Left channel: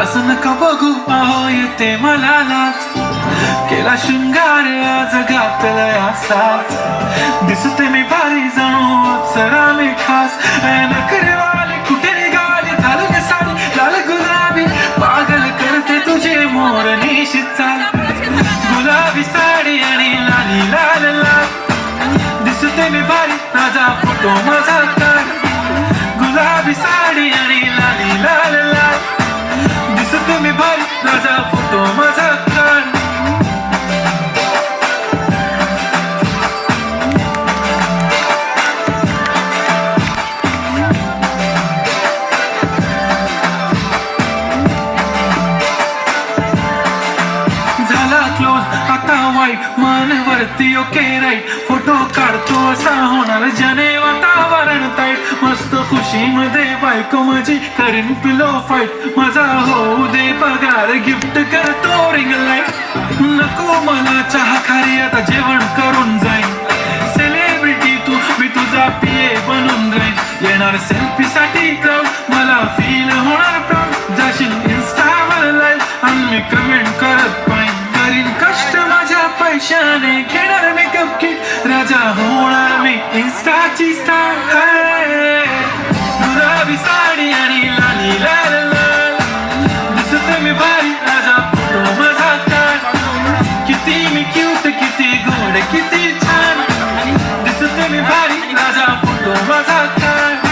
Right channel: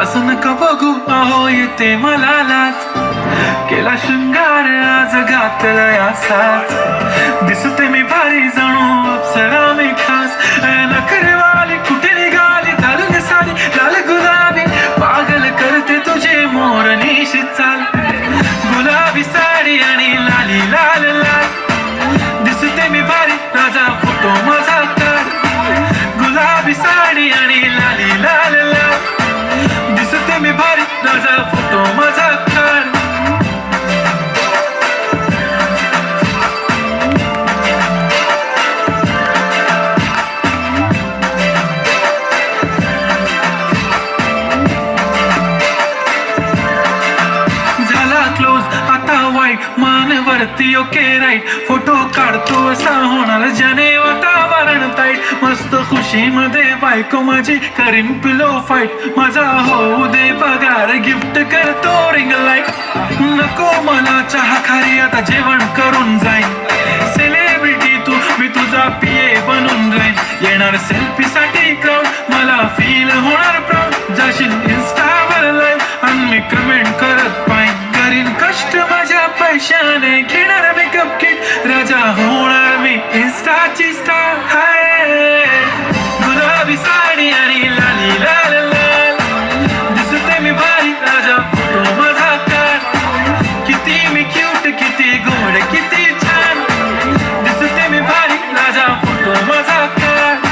असं नका बघू अहो येते मला लाज. केला शृंगार आज घातला असाच. दिसते मी भारी जणू अप्सरा मी खास. नखरेवाली कुठे निघाली घालून साडी लाल गुलाबी. पागल करते तुझे मोर निश चाल. गुलाबी साडी आणि लाली लाल लाल. दिसते मी भारी राजा फोटो माझा काढ. गुलाबी साडी आणि लाली लाल लाल. दिसते मी भारी राजा फोटो माझा काढ. झाला क्लोज आता वाईट मानवरती ओके राईट. फोटो काढतो असा होणार ज्याने वातावरण ताईट. मस्त खुशीमध्ये बायको माझी करीन पिलो फाईट. माझा होऊ दे पगार गिफ्ट करतो रिंग लाईट. नको मला चहा खारी आता जेवण करून जाईन. सेलिब्रिटी तू मी तुझा पिये बनून राहीन. येणार सेल्फी साठी क्राऊड मला फील होणार प्राऊड. जाशील इन्स्टावर लाईव्ह आणि मी कमेंट करत पाहिन. करीन कष्ट माझ्या पैशाने घेणार मेकअप किट. राजा होणार मी इन्स्टाची स्टार. हाय गुलाबी साडी आणि लाली लाल लाल. दिसते मी भारी राजा फोटो माझा काढ. किती मी क्यूट किती गोड किती छान. दिसते मी भारी राजा फोटो माझा काढ.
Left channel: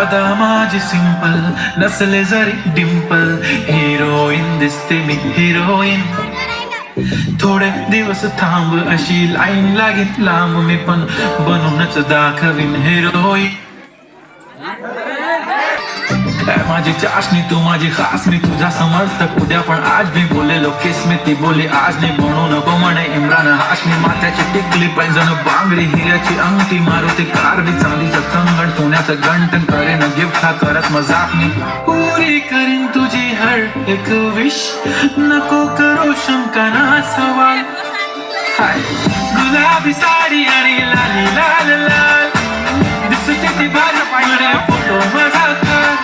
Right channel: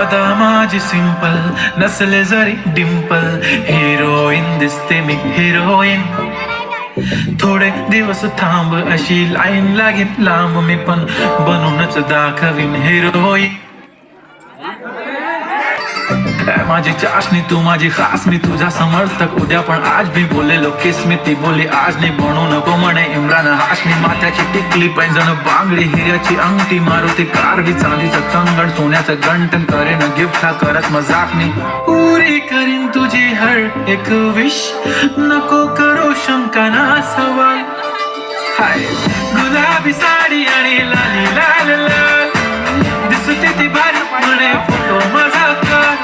आता माझी सिंपल नसले जरी डिंपल. हिरोईन दिसते मी हिरोईन. थोडे दिवस थांब अशी लाईन लागेल लांब. मी पण बनूनच दाखवीन हिरोईन. माझी चाशनी तू माझी खास. मी तुझा समर्थक उद्या पण आज भी बोलेलो किस मी ती बोली आज नाही. म्हणू नको म्हणे इम्रान हाशमी. माथ्याची टिकली पैंजण बांगडी हिऱ्याची अंगठी. मारुती कार बी चांदीचं कंगण सोन्याचं गंटन. करेन गिफ्ट हा करत मजाकनी. पुरी करीन तुझी हर एक विश. नको करू शंका ना सवाल. हाय गुलाबी साडी आणि लाली लाल लाल. दिसते ती भारी म्हणे फोटो माझा काढ.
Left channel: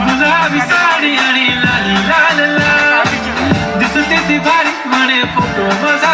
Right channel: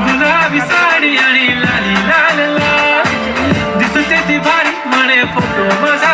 गुलाबी साडी आणि लाली लाल लाल. दिसते ती भारी म्हणे फोटो माझा